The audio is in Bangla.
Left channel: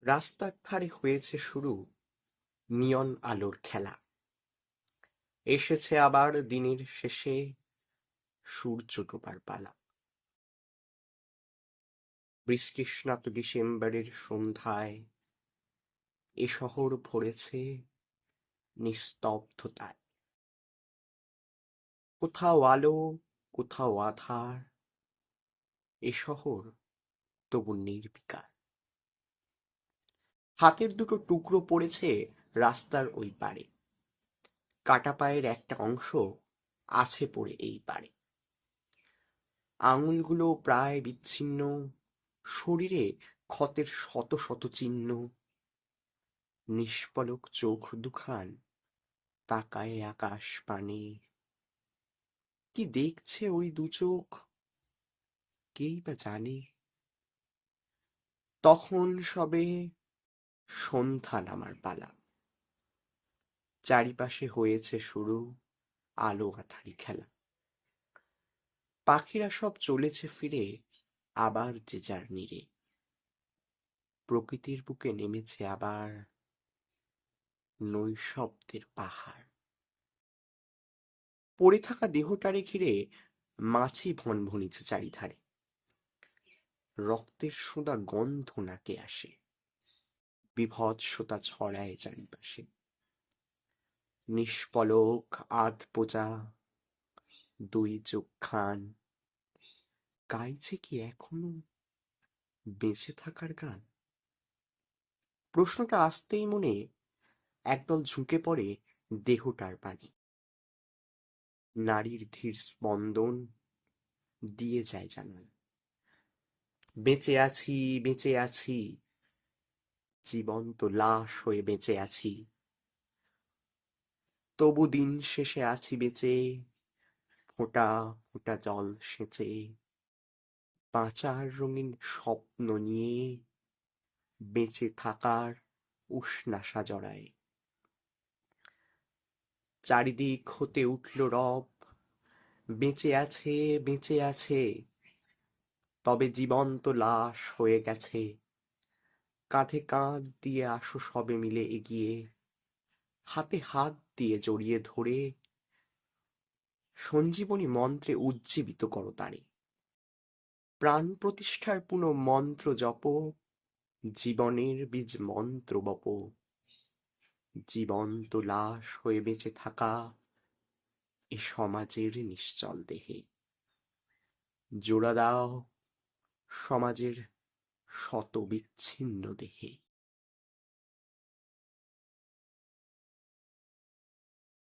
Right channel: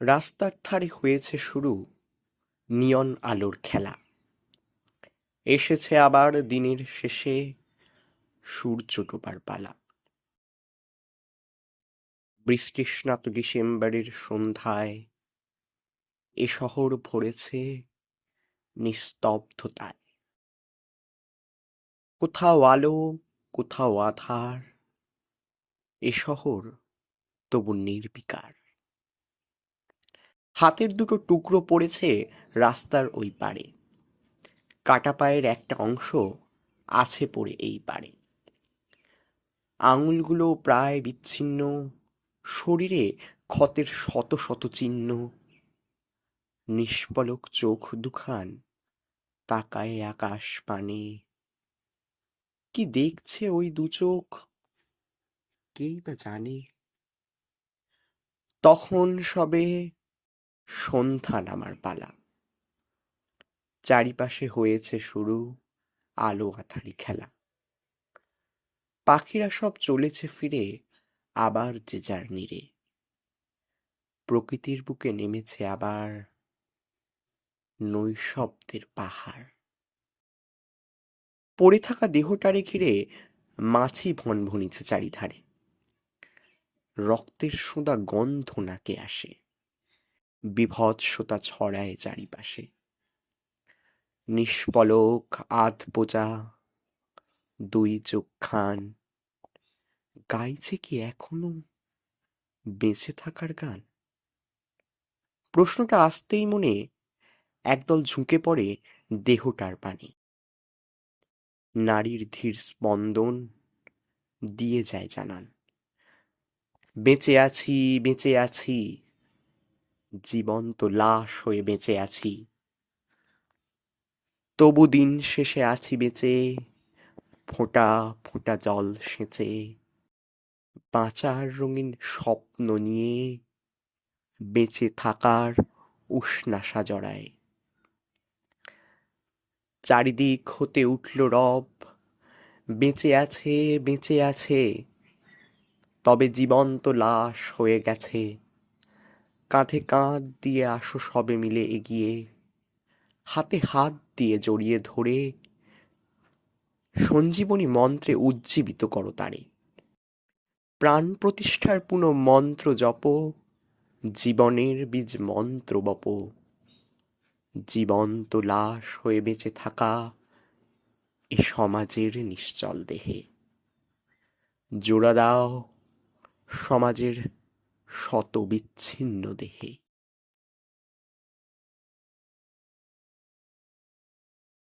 রাস্তার ধারে হয়েছে শুরু নিয়ন আলোর খেলা। এসেছে আবার দিনের শেষে সূর্য ডোবার পালা। বৃষ্টিস্নাত ডিসেম্বরের সন্ধ্যায় এ শহর ভরেছে নিস্তব্ধতায়। কোথাও আলো, কোথাও আধার, এ শহর তবু নির্বিকার। হাতের দুটো টুকরো পড়েছে রাস্তার ওই পারে, কাটা পায়ের একটা অংশ আছে পড়ে এই পারে। আঙুলগুলো প্রায় বিচ্ছিন্ন, শরীরে ক্ষতের শত শত চিহ্ন। নিষ্পলক চোখ দুখান তাকায় আকাশ পানে। কি দেখছে ওই দু চোখ, কেই বা জানে। তখন সবে সন্ধ্যা নামার পালা। চারিপাশে হয়েছে শুরু আলো আঁধারি খেলা। পাখিরা সব চলেছে ফিরে আবার যে যার নীড়ে। প্রকৃতির বুকে নেমেছে আবার নৈশব্দের পাহাড়। পড়ে থাকা দেহটারে ঘিরে মাছি ভনভনিছে চারিধারে। রক্তের সোঁদা গন্ধ নাকে আসে, বিভৎসতা ছড়ায় চারিপাশে। নিষ্পলক আধ বোজা দুই চোখ খান গাইছে কি এখনো বেঁচে থাকার গান? প্রশ্নটা আসতেই মনে একদল ঝুঁকে পড়ে দেহটার পানে। নারীর ধীর স্পন্দন দিয়ে যায় জানান, বেঁচে আছি, বেঁচে আছি, জীবন্ত লাশ হয়ে বেঁচে আছি। তবু দিন শেষে আছি বেঁচে, ফোঁটা ফোঁটা জল সেচে। বাঁচার রঙিন স্বপ্ন নিয়ে বেঁচে থাকার উষ্ণাসা জড়ায়। চারিদিক হতে উঠল রব, বেঁচে আছে, বেঁচে আছে, তবে জীবন্ত লাশ হয়ে গেছে। কাঁধে কাঁধ দিয়ে আসো সবে মিলে এগিয়ে, হাতে হাত দিয়ে জড়িয়ে ধরে সঞ্জীবনী মন্ত্রে উজ্জীবিত করো তারে। প্রাণ প্রতিষ্ঠার পুনঃ মন্ত্র জপ, জীবনের বীজ মন্ত্র বপ। জীবন্ত লাশ হয়ে বেঁচে থাকা এ সমাজের নিশ্চল দেহে। জোড়া দাও সমাজের শত বিচ্ছিন্ন দেহে।